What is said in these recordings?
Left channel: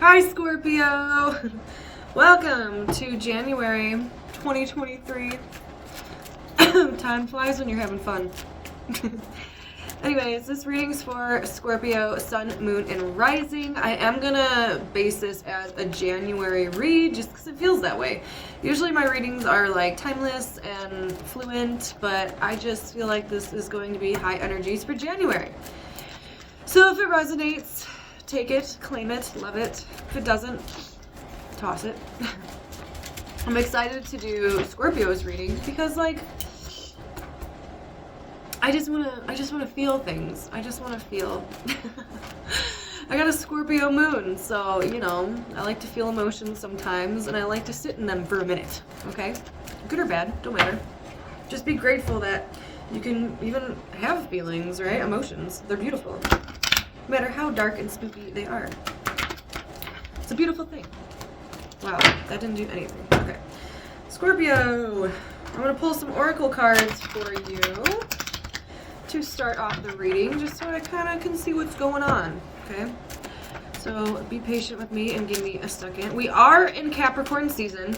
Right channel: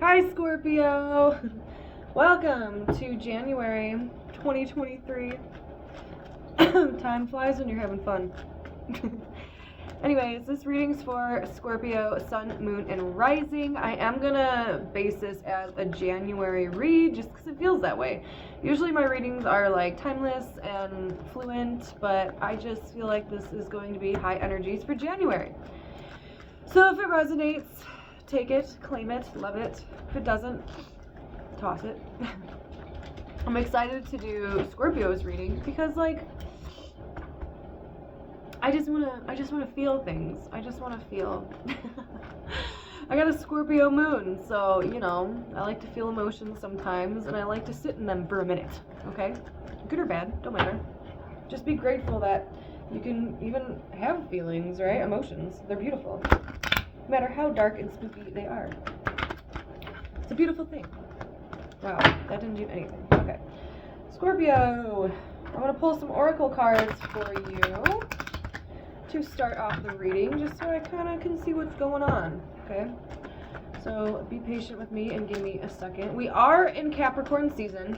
Hi, Scorpio! Welcome to January 2023. Time flies when you're having fun. Anyways, this reading's for Scorpio, Sun, Moon, and Rising. I am gonna base this as a January read just because it feels that way. Usually my readings are like timeless and fluent, but I just feel like this is going to be high energies for January. So if it resonates, take it, claim it, love it. If it doesn't, toss it. I'm excited to do Scorpio's reading because, like, I just wanna feel things. I just wanna feel. I got a Scorpio moon, so, you know, I like to feel emotions sometimes, and I like to sit in them for a minute, okay? Good or bad, don't matter. Just be grateful that you can even have feelings, right? Emotions. They're beautiful. No matter how dark and spooky they are. It's a beautiful thing. Wow, that didn't do anything. Okay. Scorpio, I'm going to pull some oracle cards for you to start off the reading, just so I kind of can see what's going on, okay? So be patient with me and give me a second. We are in Capricorn season,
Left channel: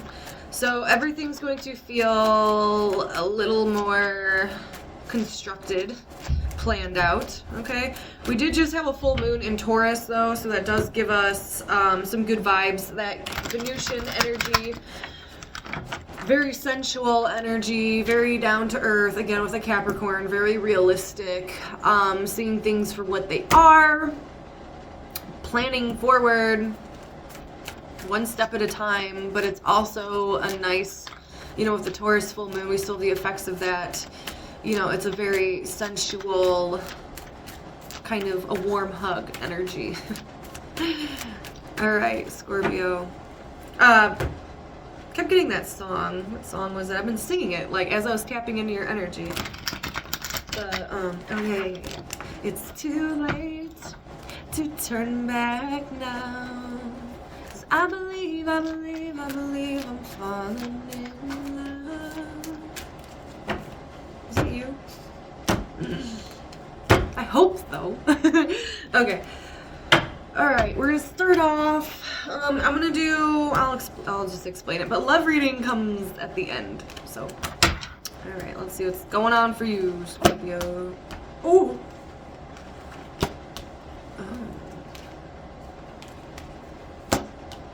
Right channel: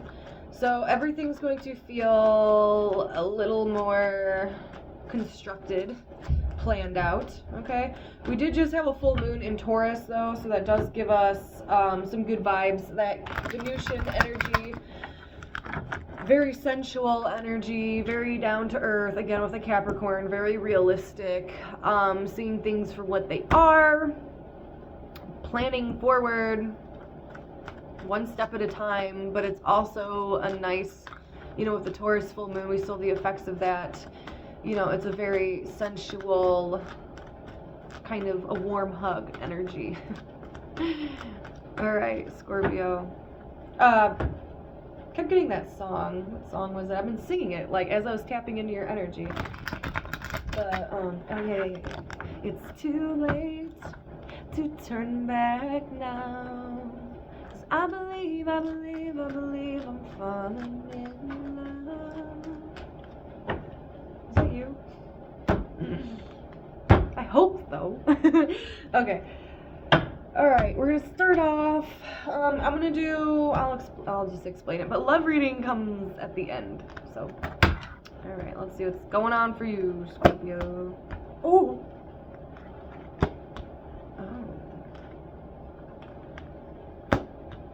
so everything's going to feel a little more constructed, planned out, okay? We did just have a full moon in Taurus, though, so that does give us some good vibes. That Venusian energy, very sensual energy, very down to earth, again with a Capricorn, very realistic, seeing things for what they are, planning forward, one step at a time, but it's also a nice, you know, with the Taurus full moon, we still have the effects of that. You know, it's a very sensual, kind of a warm hug energy. All right, Scorpio. Kept getting that song. What song was it? I've been singing it, like, as I was tapping into your energy. But, okay. It's too late to turn back now. 'Cause I believe I'm falling in love. Is it you? I hope so. Okay. Alright, we're gonna start off. I'm gonna do, I'll just explain it, but love reading comes at the end. So, alright, let's see what's going on for you, Scorpio. Oh!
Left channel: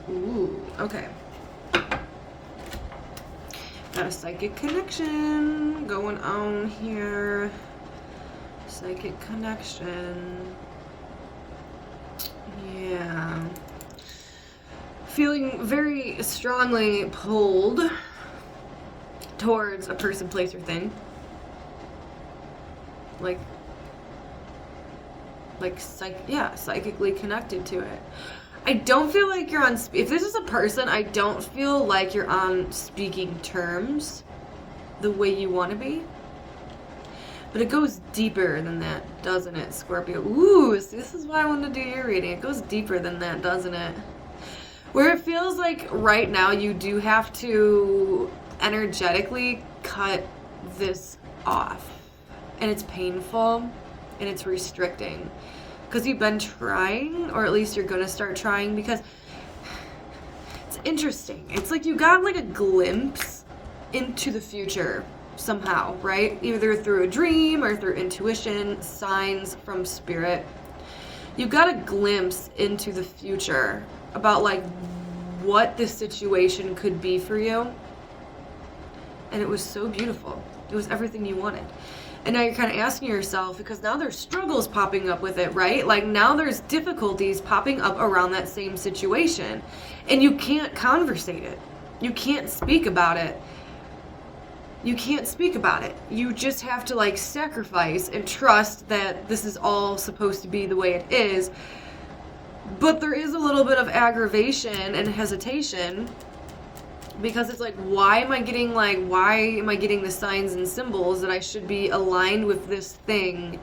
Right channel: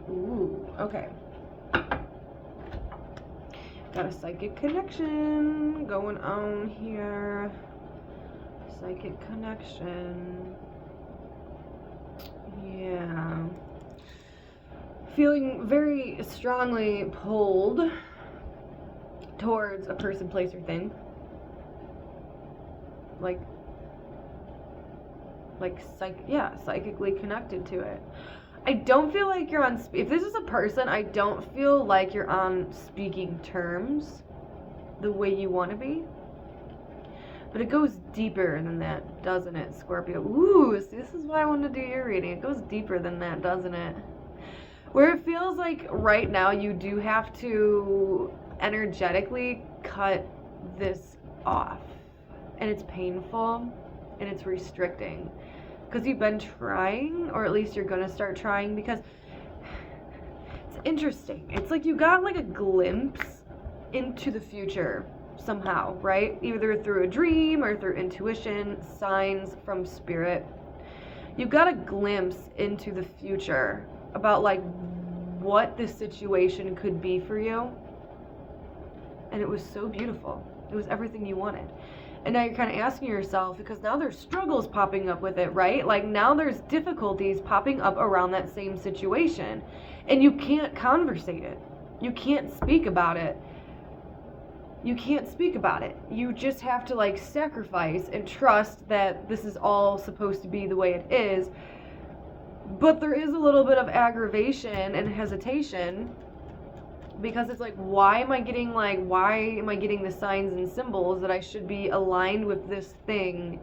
Ooh, okay. Got a psychic connection going on here. Psychic connection. Yeah. Feeling very strongly pulled towards a person, place, or thing. Psychically connected to it. I don't feel like you're on, if this is a person, I don't feel like you're on speaking terms the way you want to be. But it goes deeper than that, doesn't it, Scorpio? Ooh, this is why I wanted to do your reading. It goes deeper than that, doesn't it? Where it feels like right now you do have to energetically cut this off. And it's painful, and it's restricting. Because you've been trying, or at least you're going to start trying, because it's interesting. It's like you got like a glimpse into the future somehow, right? Either through a dream or through intuition, signs from spirit. You got a glimpse into the future about like what this situation could be for you. And it was so beautiful. It was everything you wanted. And now you're kind of asking yourself, because now there's struggles popping up with it, right? Like now there's difficulties popping up around that same situation. And you can't conversate it. You can't speak about it. You can't speak about it. You just have to like sacrifice and trust that this is all supposed to be the way it is. But there is a little bit of aggravation and hesitation, because it's like, why am I getting the signs and symbols that I should be aligned with this thing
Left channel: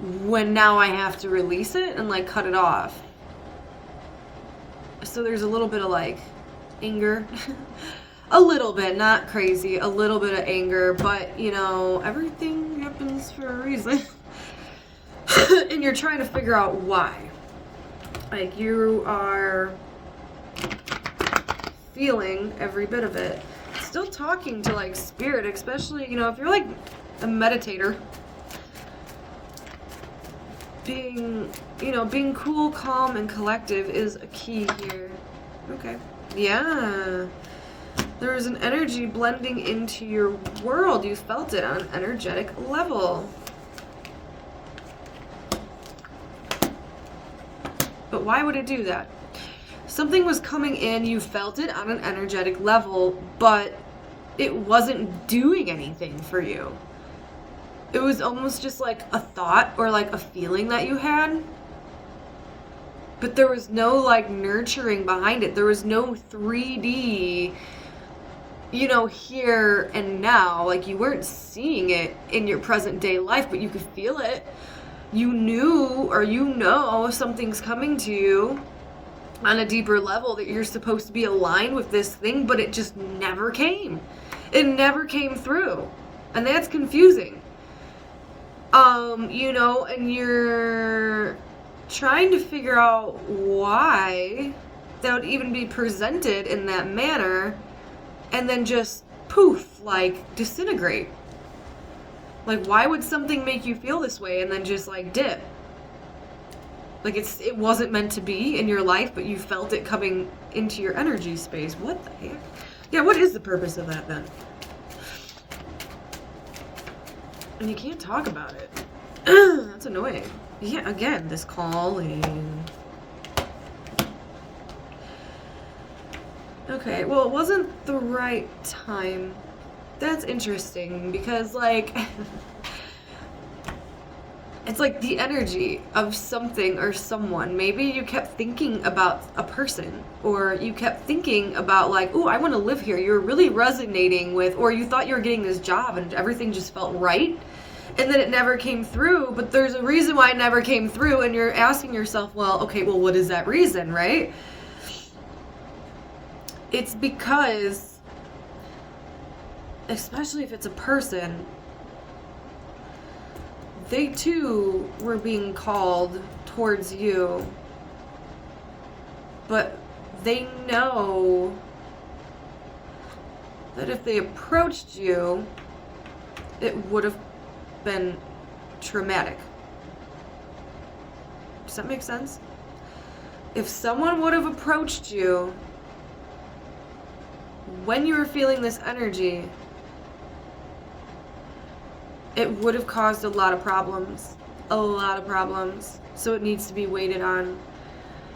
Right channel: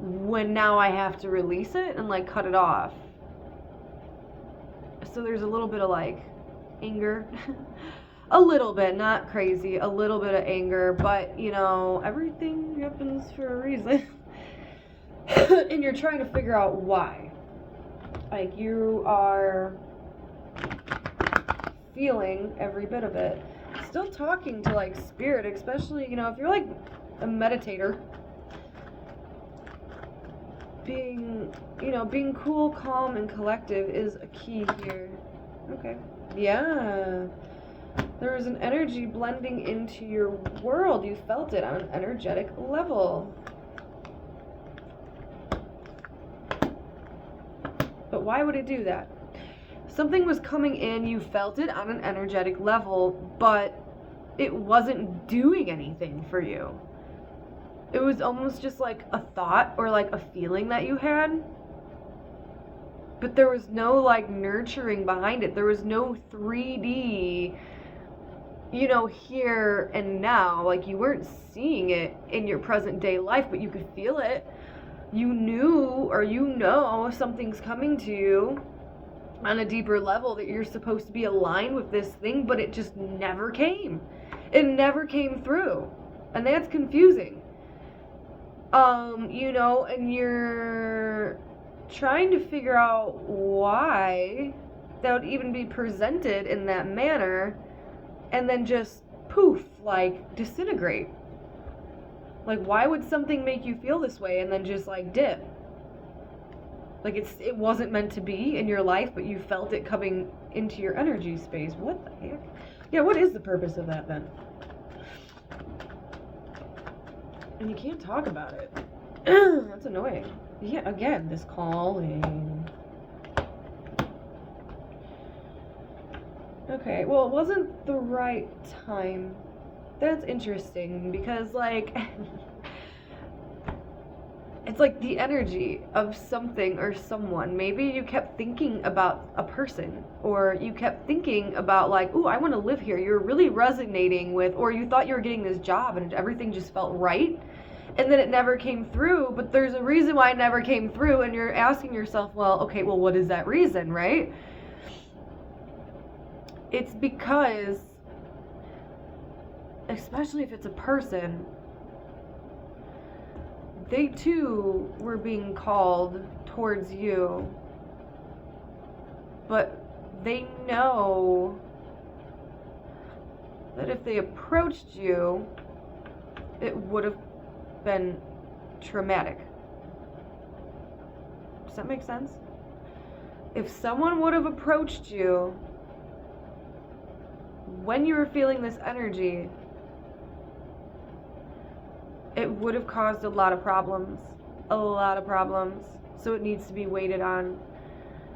when now I have to release it and like cut it off? So there's a little bit of like anger. A little bit, not crazy, a little bit of anger, but you know, everything happens for a reason. And you're trying to figure out why. Like, you are feeling every bit of it. Still talking to, like, spirit, especially, you know, if you're, like, a meditator. Being, you know, being cool, calm, and collective is a key here. Okay. Yeah. There was an energy blending into your world. You felt it on an energetic level. But why would it do that? Something was coming in, you felt it on an energetic level, but it wasn't doing anything for you. It was almost just like a thought or like a feeling that you had. But there was no like nurturing behind it. There was no 3D, you know, here and now. Like, you weren't seeing it in your present day life, but you could feel it. You knew, or you know, something's coming to you on a deeper level, that you're supposed to be aligned with this thing, but it just never came. It never came through. And that's confusing. You know, and you're trying to figure out why that would even be presented in that manner, and then just poof, like disintegrate. Like, why would something make you feel this way and then just like dip? Like, it wasn't meant to be in your life, but you felt it coming into your energy space. What the heck? Yeah, what is the purpose of that then? And you can't talk about it. That's annoying. Yeah, again, this calling. Okay, well, it wasn't the right time. That's interesting, because, like, it's like the energy of something or someone. Maybe you kept thinking about a person, or you kept thinking about, like, ooh, I want to live here. You're really resonating with, or you thought you were getting this job and everything just felt right, and then it never came through, but there's a reason why it never came through, and you're asking yourself, well, okay, well, what is that reason, right? It's because, especially if it's a person, they too were being called towards you, but they know that if they approached you, it would have been traumatic. Does that make sense? If someone would have approached you when you were feeling this energy, it would have caused a lot of problems. A lot of problems. So it needs to be waited on.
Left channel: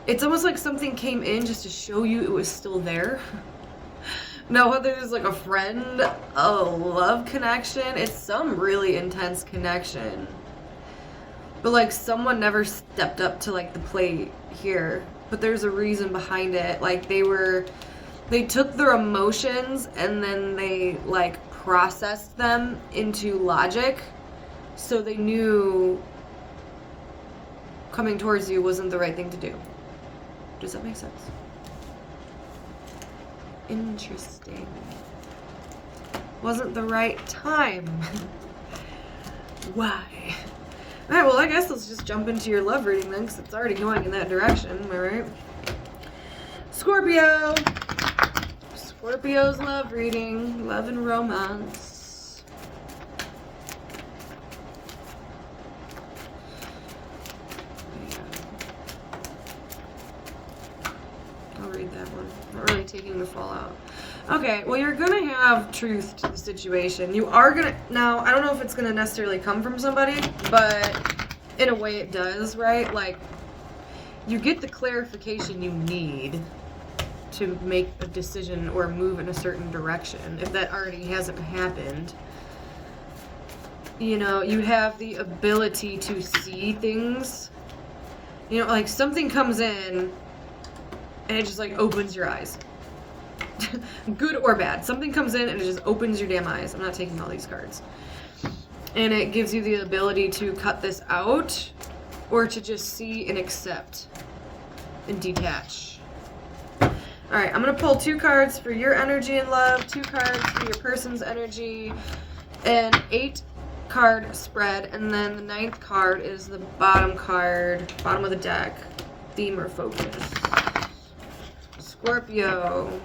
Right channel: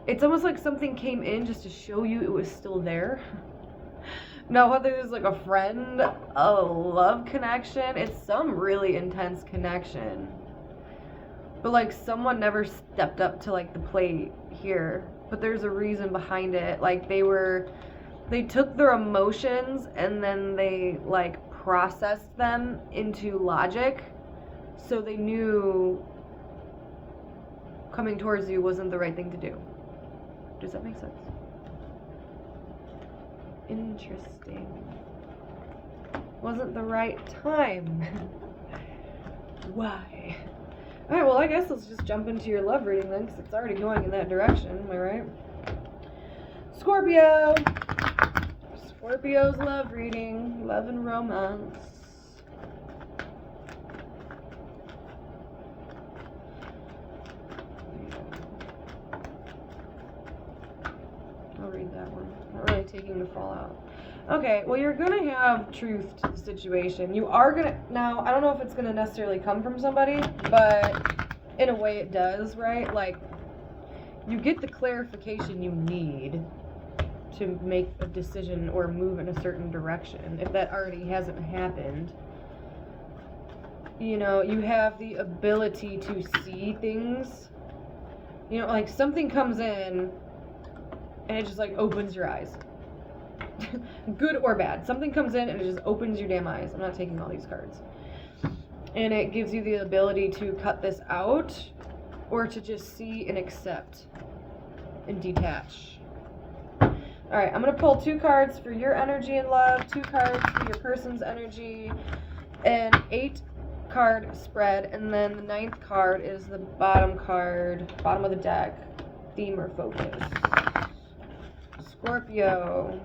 It's almost like something came in just to show you it was still there. Now, whether it's like a friend, a love connection, it's some really intense connection. But like, someone never stepped up to like the plate here. But there's a reason behind it. Like, they took their emotions and then they like processed them into logic, so they knew coming towards you wasn't the right thing to do. Does that make sense? Interesting. Wasn't the right time. Why? Alright, well, I guess let's just jump into your love reading then, because it's already going in that direction, am I right? Scorpio! Scorpio's love reading, love and romance. I'll read that one. Not really taking the fallout. Okay, well, you're gonna have truth to the situation. You are gonna, now, I don't know if it's gonna necessarily come from somebody, but in a way it does, right? Like, you get the clarification you need to make a decision or move in a certain direction, if that already hasn't happened. You know, you have the ability to see things. You know, like, something comes in and it just like opens your eyes. Good or bad. Something comes in and it just opens your damn eyes. I'm not taking all these cards. And it gives you the ability to cut this out, or to just see and accept and detach. Alright, I'm going to pull 2 cards for your energy and love, 2 cards for your person's energy, an 8-card spread, and then the 9th card is the bottom card, bottom of the deck. theme or focus. Scorpio.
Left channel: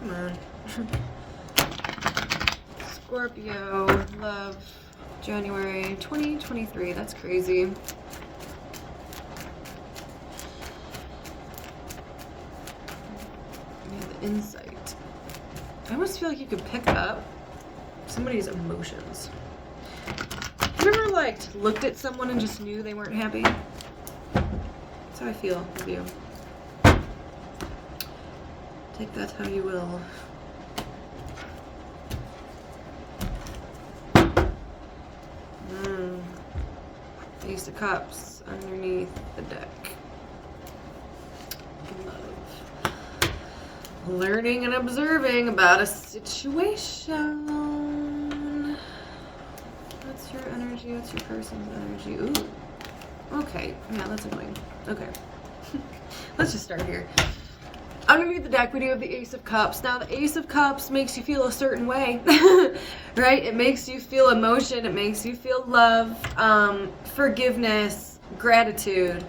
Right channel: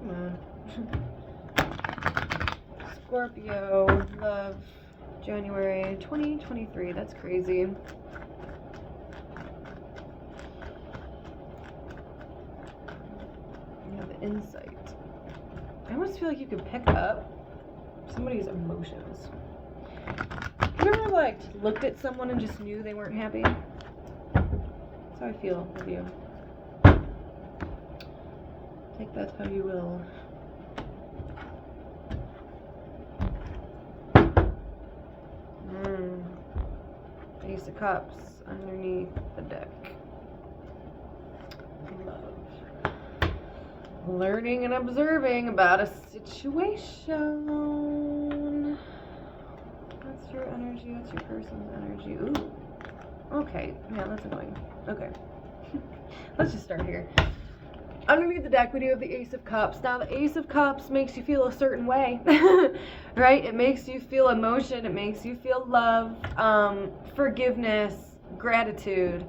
Come on. Scorpio, love, January 2023. That's crazy. Yeah, the insight. I almost feel like you could pick up somebody's emotions. Have you ever, like, looked at someone and just knew they weren't happy? That's how I feel with you. Take that how you will. Ace of Cups underneath the deck. Love. Learning and observing about a situation. What's your energy? What's your person's energy? Ooh. Okay. Yeah, that's annoying. Okay. Let's just start here. I'm going to read the deck. We do have the Ace of Cups. Now, the Ace of Cups makes you feel a certain way, right? It makes you feel emotion. It makes you feel love, forgiveness, gratitude,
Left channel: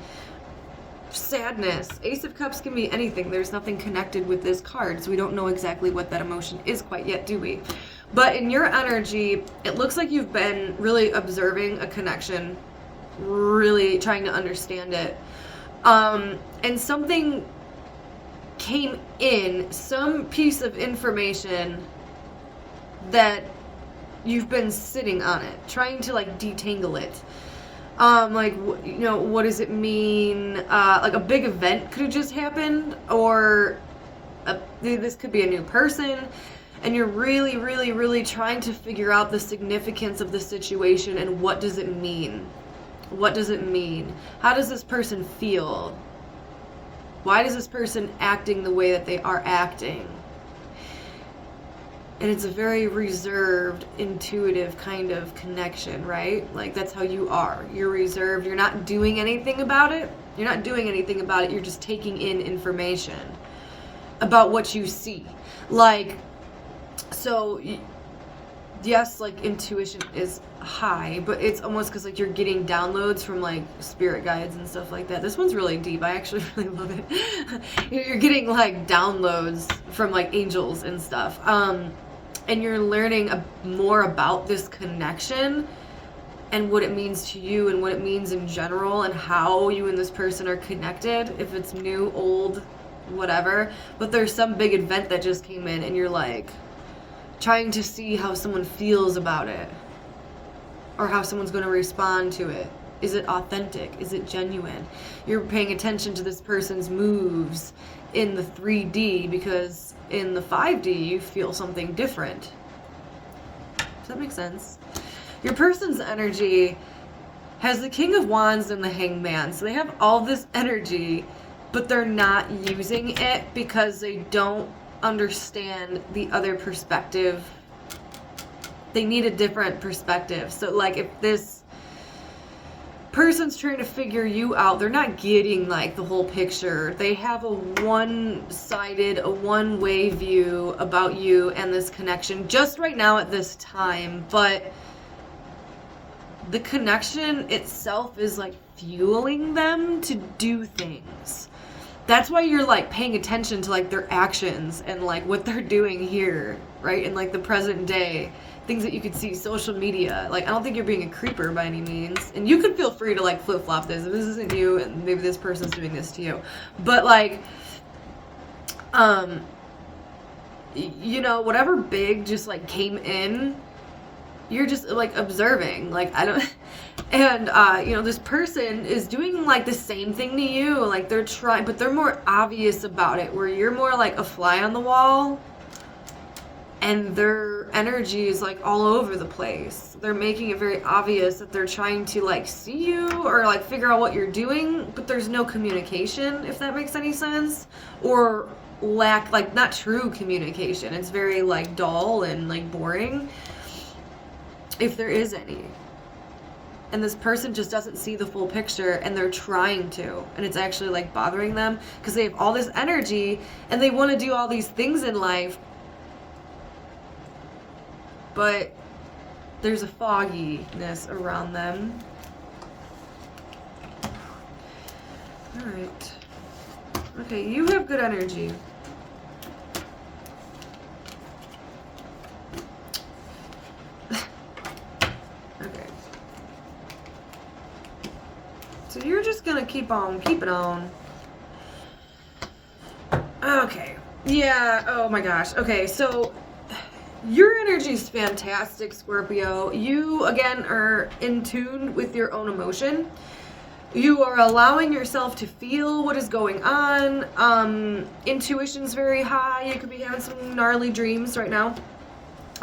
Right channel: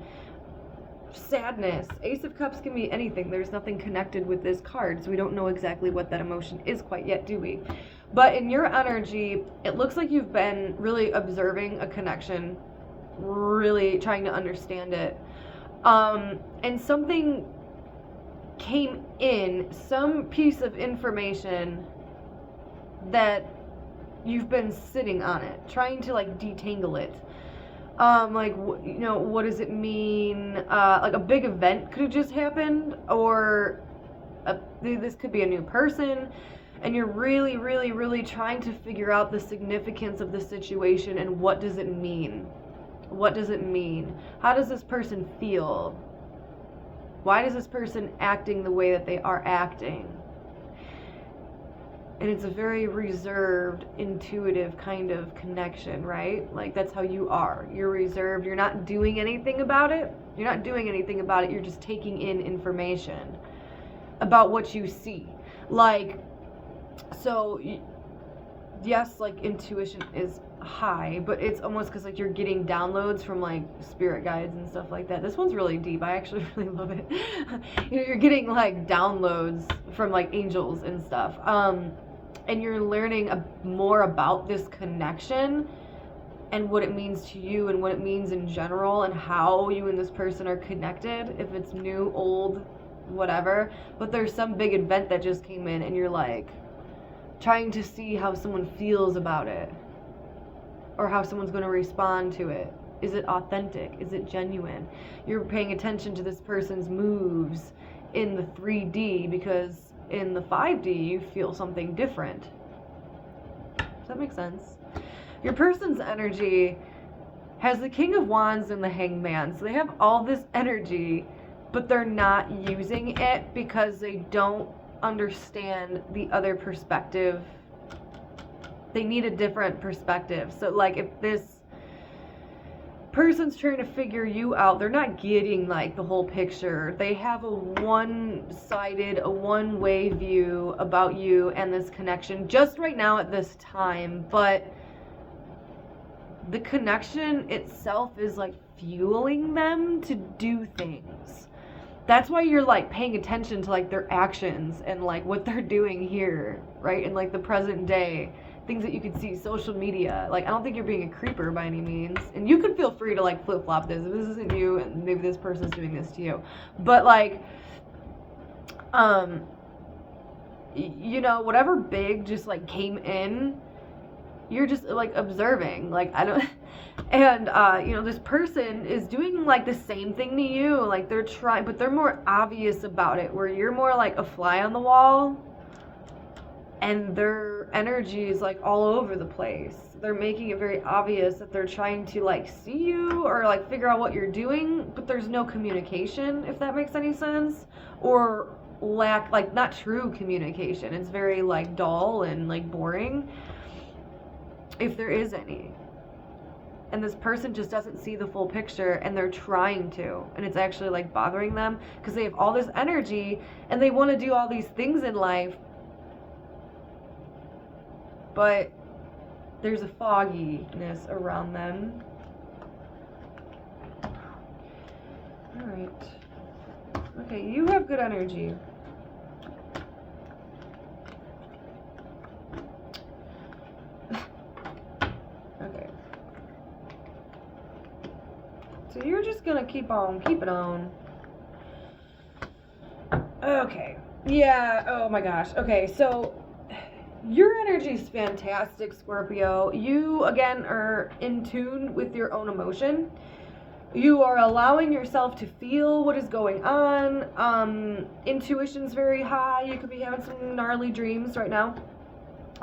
sadness. Ace of Cups can be anything. There's nothing connected with this card, so we don't know exactly what that emotion is quite yet, do we? But in your energy, it looks like you've been really observing a connection, really trying to understand it. And something came in, some piece of information that you've been sitting on it, trying to like detangle it. Like, you know, what does it mean? Like a big event could have just happened, or this could be a new person, and you're really, really, really trying to figure out the significance of the situation and what does it mean? What does it mean? How does this person feel? Why is this person acting the way that they are acting? And it's a very reserved, intuitive kind of connection, right? Like, that's how you are. You're reserved. You're not doing anything about it. You're not doing anything about it. You're just taking in information about what you see. Like, so, yes, like, intuition is high, but it's almost because like you're getting downloads from like spirit guides and stuff like that. This one's really deep. I actually really love it. You're getting like downloads from like angels and stuff, and you're learning more about this connection and what it means to you and what it means in general and how you and this person are connected, if it's new, old, whatever. But there's some big event that just came in and you're like trying to see how someone feels about it, or how someone's going to respond to it. Is it authentic? Is it genuine? You're paying attention to this person's moves in the 3D, because in the 5D you feel something different. Does that make sense? Your person's energy has the King of Wands and the Hangman. So they have all this energy, but they're not using it because they don't understand the other perspective. They need a different perspective. So like if this person's trying to figure you out, they're not getting like the whole picture. They have a one-sided, a one-way view about you and this connection just right now at this time. But the connection itself is like fueling them to do things. That's why you're like paying attention to like their actions and like what they're doing here, right? In like the present day. Things that you could see, social media. Like, I don't think you're being a creeper by any means. And you could feel free to, like, flip-flop this. If this isn't you, and maybe this person's doing this to you. But, like, you know, whatever big just, like, came in, you're just, like, observing. Like, I don't... And, you know, this person is doing, like, the same thing to you. Like, they're trying... But they're more obvious about it, where you're more, like, a fly on the wall. And their energy is like all over the place. They're making it very obvious that they're trying to like see you or like figure out what you're doing, but there's no communication, if that makes any sense. Or lack, like not true communication. It's very like dull and like boring, if there is any. And this person just doesn't see the full picture, and they're trying to, and it's actually like bothering them because they have all this energy and they want to do all these things in life. But there's a fogginess around them. Okay, you have good energy. Okay. So you're just gonna keep on keeping on. Okay. Yeah, oh my gosh. Okay, so your energy is fantastic, Scorpio. You, again, are in tune with your own emotion. You are allowing yourself to feel what is going on. Intuition's very high. You could be having some gnarly dreams right now.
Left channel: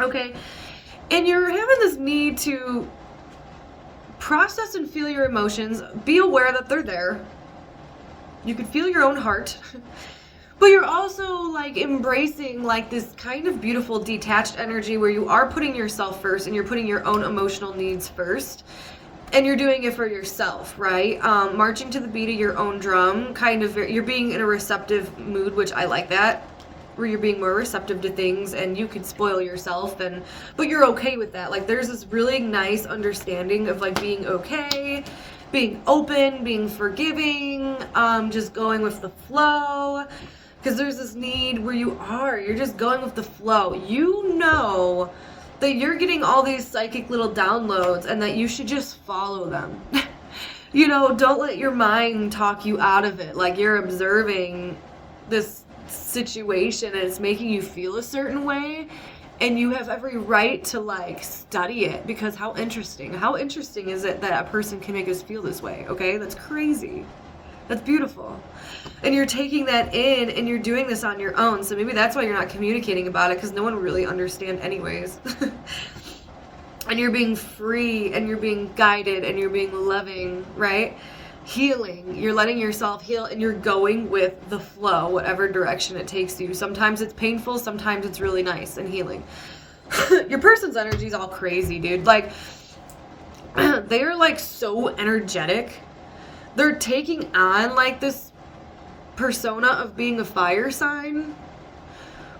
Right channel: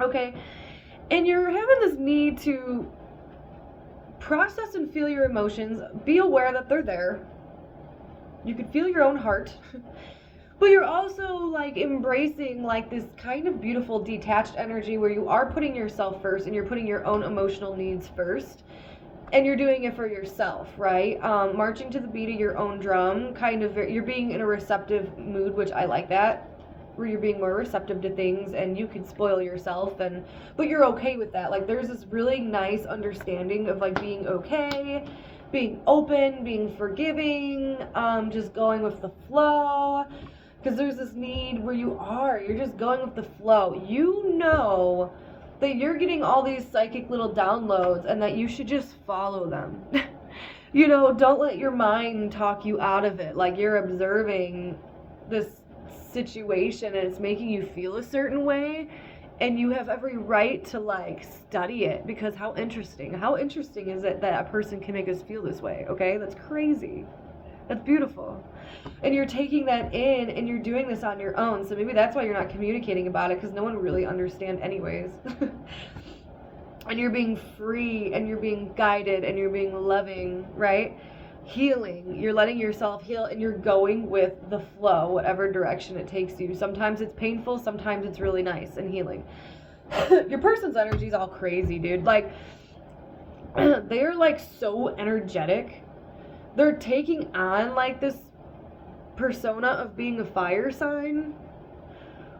Okay. And you're having this need to process and feel your emotions. Be aware that they're there. You could feel your own heart. But you're also like embracing like this kind of beautiful detached energy where you are putting yourself first and you're putting your own emotional needs first. And you're doing it for yourself, right? Marching to the beat of your own drum, kind of, you're being in a receptive mood, which I like that, where you're being more receptive to things and you could spoil yourself, but you're okay with that. Like, there's this really nice understanding of, like, being okay, being open, being forgiving, just going with the flow, because there's this need where you're just going with the flow. You know that you're getting all these psychic little downloads and that you should just follow them. You know, don't let your mind talk you out of it. Like, you're observing this situation and it's making you feel a certain way and you have every right to like study it, because how interesting is it that a person can make us feel this way? Okay, that's crazy. That's beautiful. And you're taking that in and you're doing this on your own. So maybe that's why you're not communicating about it, because no one will really understand anyways. And you're being free and you're being guided and you're being loving, right? Healing. You're letting yourself heal and you're going with the flow, whatever direction it takes you. Sometimes it's painful, sometimes it's really nice and healing. Your person's energy is all crazy, dude. Like, they are like so energetic. They're taking on like this persona of being a fire sign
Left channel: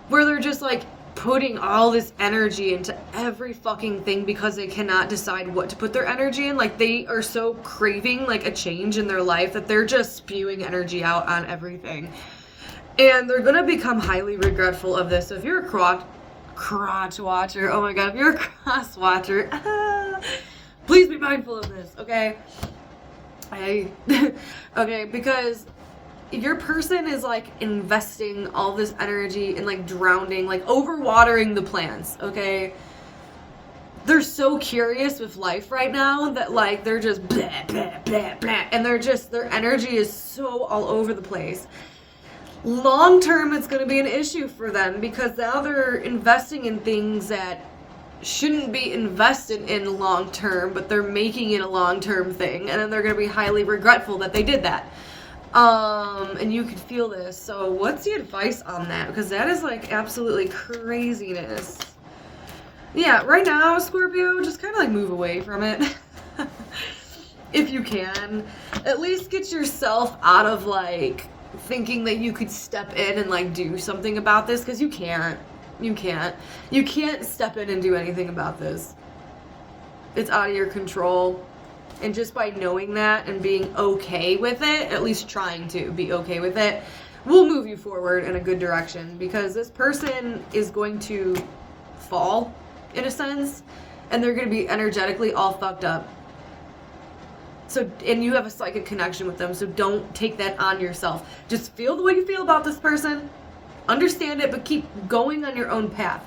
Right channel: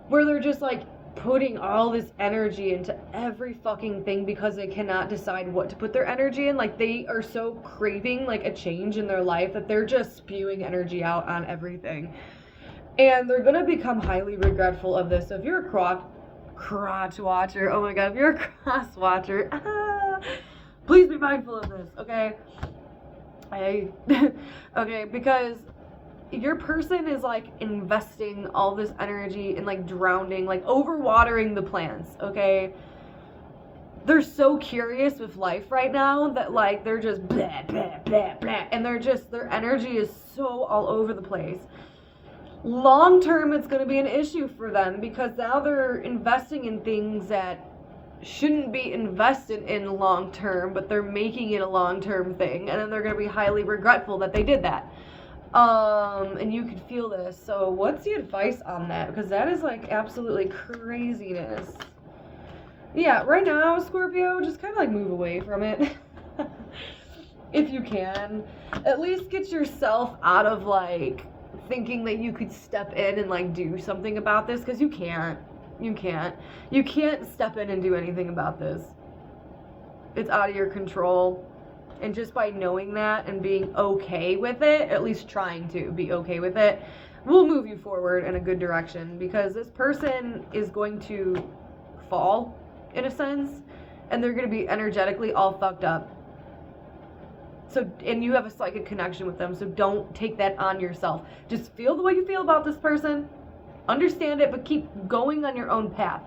where they're just like putting all this energy into every fucking thing because they cannot decide what to put their energy in. Like, they are so craving like a change in their life that they're just spewing energy out on everything. And they're gonna become highly regretful of this. So if you're a crotch watcher, oh my god, if you're a cross watcher, please be mindful of this, okay? Okay, because your person is like investing all this energy and like drowning, like overwatering the plants, okay? They're so curious with life right now that like they're just blah, blah, blah, blah, and their energy is so all over the place. Long term, it's going to be an issue for them because now they're investing in things that shouldn't be invested in long term, but they're making it a long term thing, and then they're going to be highly regretful that they did that. And you could feel this. So what's the advice on that? Because that is like absolutely craziness. Yeah, right now, Scorpio, just kind of like move away from it. If you can. At least get yourself out of like thinking that you could step in and like do something about this, because you can't. You can't step in and do anything about this. It's out of your control. And just by knowing that and being okay with it, at least trying to be okay with it, will move you forward in a good direction, because this person is going to fall in a sense and they're going to be energetically all fucked up. So, and you have a psychic connection with them, so don't take that on yourself. Just feel the way you feel about this person. Understand it, but keep going on your own path.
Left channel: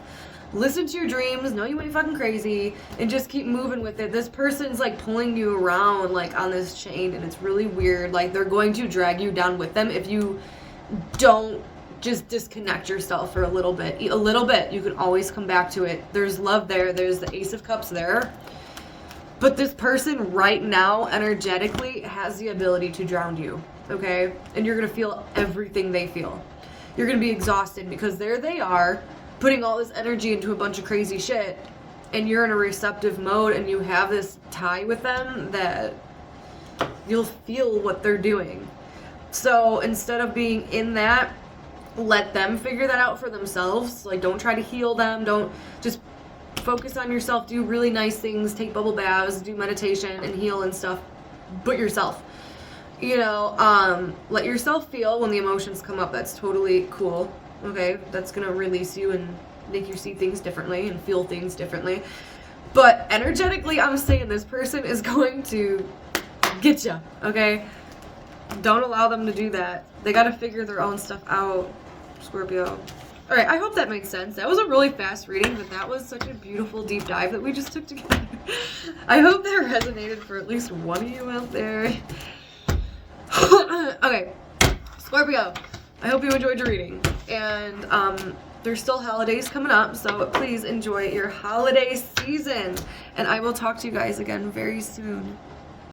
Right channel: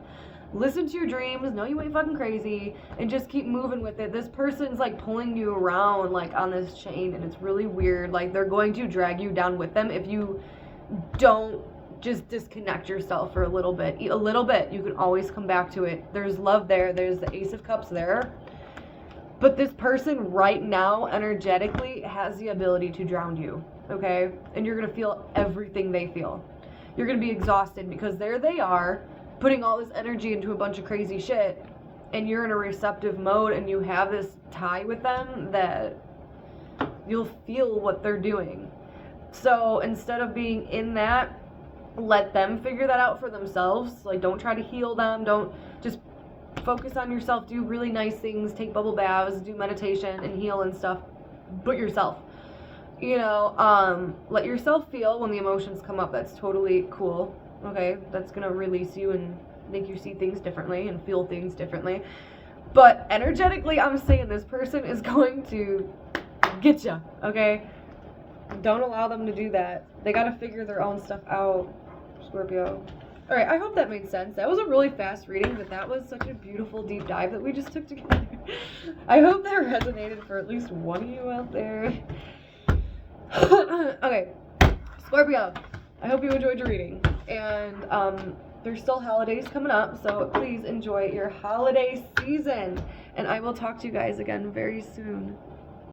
Listen to your dreams, know you ain't fucking crazy, and just keep moving with it. This person's like pulling you around like on this chain, and it's really weird. Like, they're going to drag you down with them if you don't just disconnect yourself for a little bit. A little bit. You can always come back to it. There's love there. There's the Ace of Cups there. But this person right now, energetically, has the ability to drown you, okay? And you're going to feel everything they feel. You're going to be exhausted because there they are, putting all this energy into a bunch of crazy shit, and you're in a receptive mode and you have this tie with them that you'll feel what they're doing. So instead of being in that, let them figure that out for themselves. Like, don't try to heal them. Don't just focus on yourself. Do really nice things. Take bubble baths. Do meditation and heal and stuff. But yourself. You know, let yourself feel when the emotions come up. That's totally cool. Okay, that's gonna release you and make you see things differently and feel things differently. But energetically, I'm saying this person is going to get you. Okay, don't allow them to do that. They gotta figure their own stuff out, Scorpio. All right, I hope that made sense. That was a really fast reading, but that was such a beautiful deep dive that we just took together. I hope that resonated for at least one of you out there. Okay, Scorpio, I hope you enjoyed your reading. And there's still holidays coming up, so please enjoy your holiday season. And I will talk to you guys again very soon.